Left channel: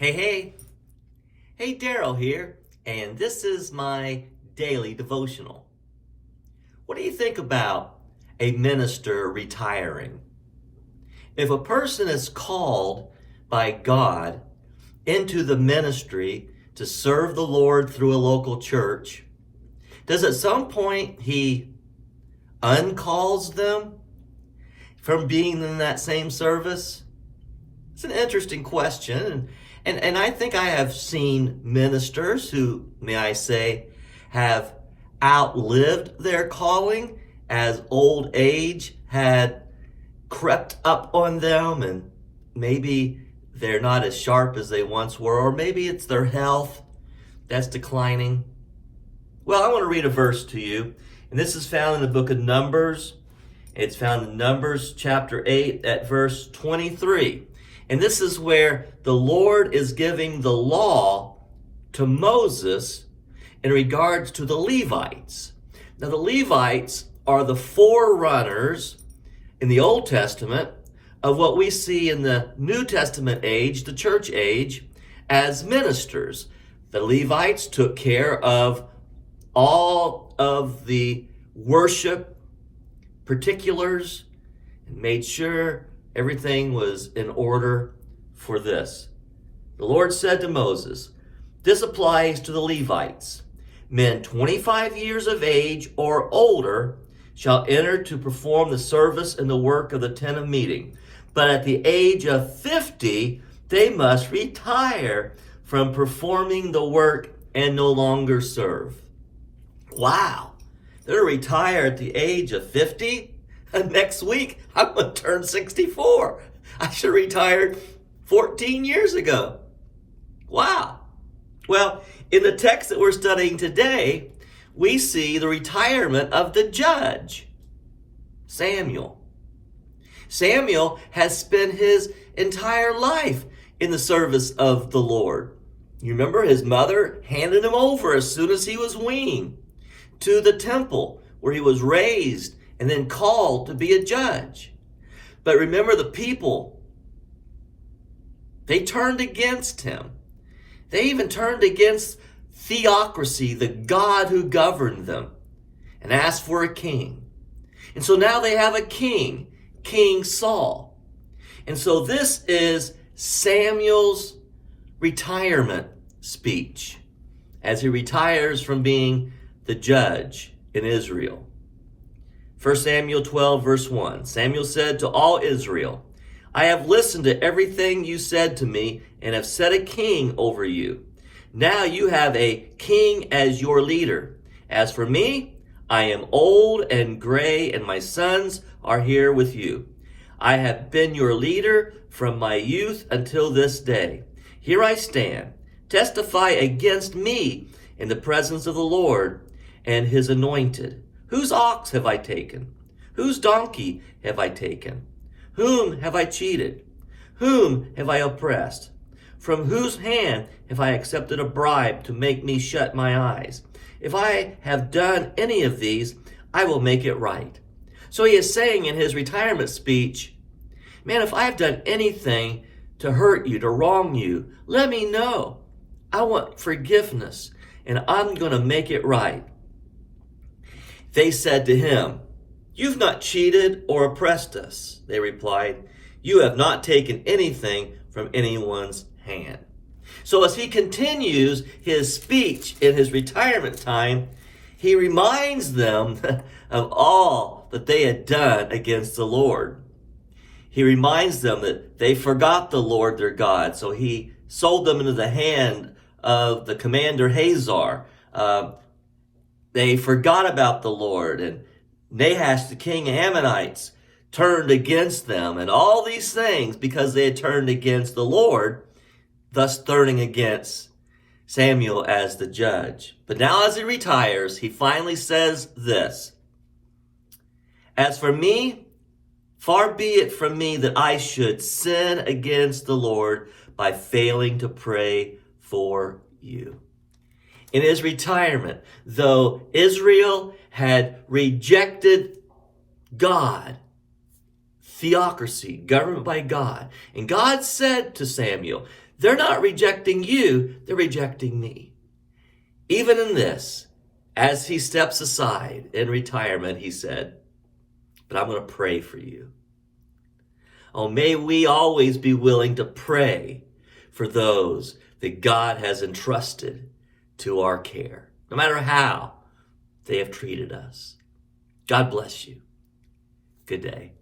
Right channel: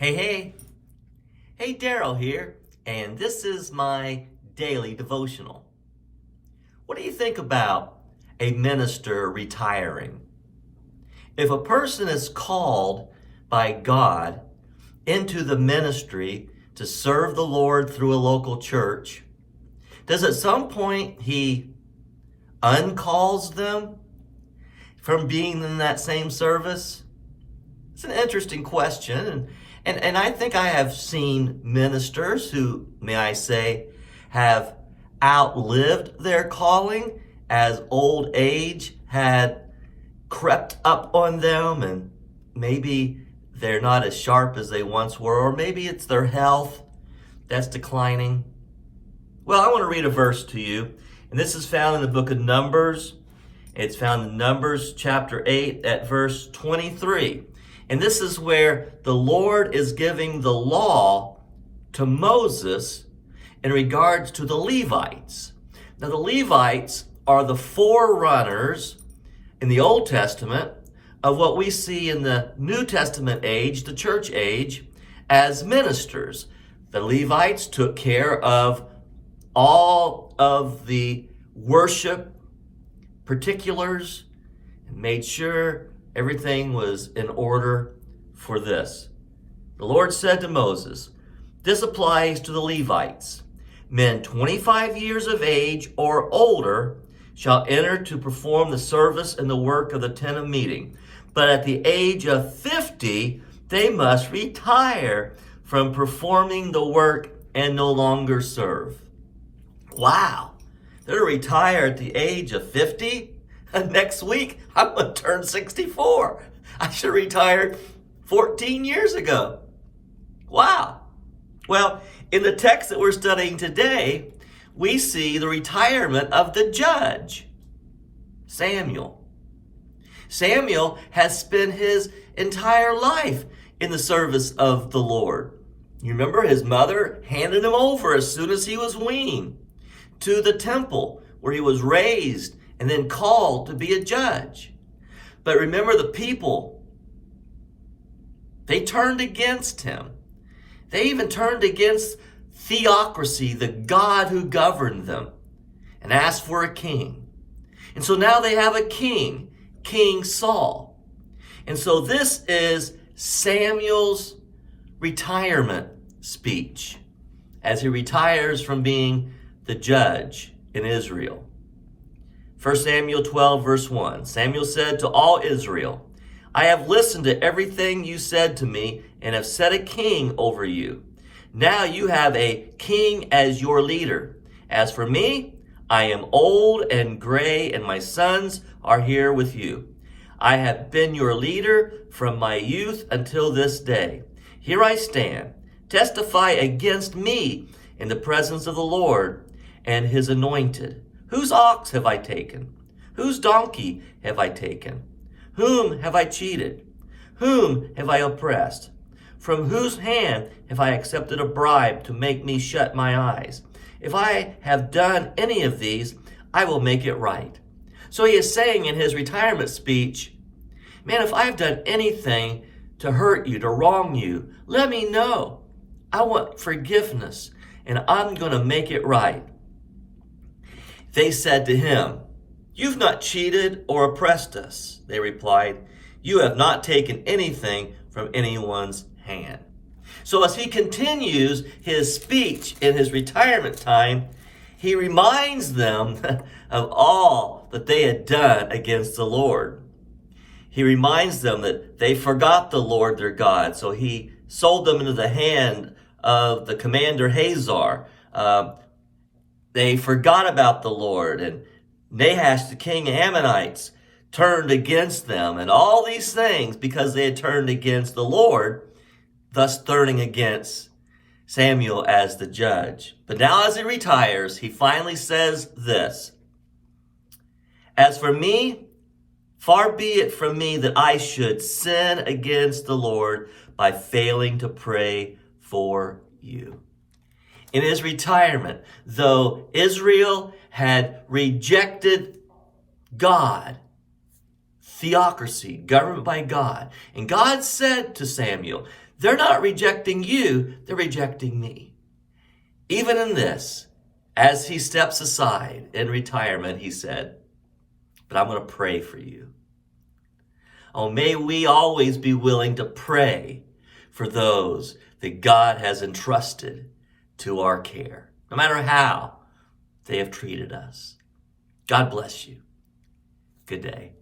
Hey, Daryl here, and this is my daily devotional. What do you think about a minister retiring? If a person is called by God into the ministry to serve the Lord through a local church, does at some point he uncalls them from being in that same service? It's an interesting question, and I think I have seen ministers who, may I say, have outlived their calling as old age had crept up on them, and maybe they're not as sharp as they once were, or maybe it's their health that's declining. Well, I want to read a verse to you, and this is found in the book of Numbers. It's found in Numbers chapter 8 at verse 23. And this is where the Lord is giving the law to Moses in regards to the Levites. Now, the Levites are the forerunners in the Old Testament of what we see in the New Testament age, the church age, as ministers. The Levites took care of all of the worship particulars and made sure everything was in order for this. The Lord said to Moses, "This applies to the Levites. Men 25 years of age or older shall enter to perform the service and the work of the tent of meeting. But at the age of 50, they must retire from performing the work and no longer serve." Wow. They're retire at the age of 50? Next week, I'm going to turn 64. I should have retired 14 years ago. Wow. Well, in the text that we're studying today, we see the retirement of the judge, Samuel. Samuel has spent his entire life in the service of the Lord. You remember his mother handed him over as soon as he was weaned to the temple where he was raised and then called to be a judge. But remember, the people, they turned against him. They even turned against theocracy, the God who governed them, and asked for a king. And so now they have a king, King Saul. And so this is Samuel's retirement speech as he retires from being the judge in Israel. 1 Samuel 12, verse 1. Samuel said to all Israel, "I have listened to everything you said to me and have set a king over you. Now you have a king as your leader. As for me, I am old and gray, and my sons are here with you. I have been your leader from my youth until this day. Here I stand. Testify against me in the presence of the Lord and his anointed. Whose ox have I taken? Whose donkey have I taken? Whom have I cheated? Whom have I oppressed? From whose hand have I accepted a bribe to make me shut my eyes? If I have done any of these, I will make it right." So he is saying in his retirement speech, man, if I've done anything to hurt you, to wrong you, let me know. I want forgiveness, and I'm going to make it right. They said to him, "You've not cheated or oppressed us." They replied, "You have not taken anything from anyone's hand." So as he continues his speech in his retirement time, he reminds them of all that they had done against the Lord. He reminds them that they forgot the Lord their God, so he sold them into the hand of the commander Hazar. They forgot about the Lord, and Nahash, the king of Ammonites, turned against them, and all these things because they had turned against the Lord, thus turning against Samuel as the judge. But now as he retires, he finally says this, "As for me, far be it from me that I should sin against the Lord by failing to pray for you." In his retirement, though Israel had rejected God, theocracy, government by God, and God said to Samuel, They're not rejecting you, they're rejecting me. Even in this, as he steps aside in retirement, he said, but I'm going to pray for you. Oh, may we always be willing to pray for those that God has entrusted to our care, no matter how they have treated us. God bless you. Good day.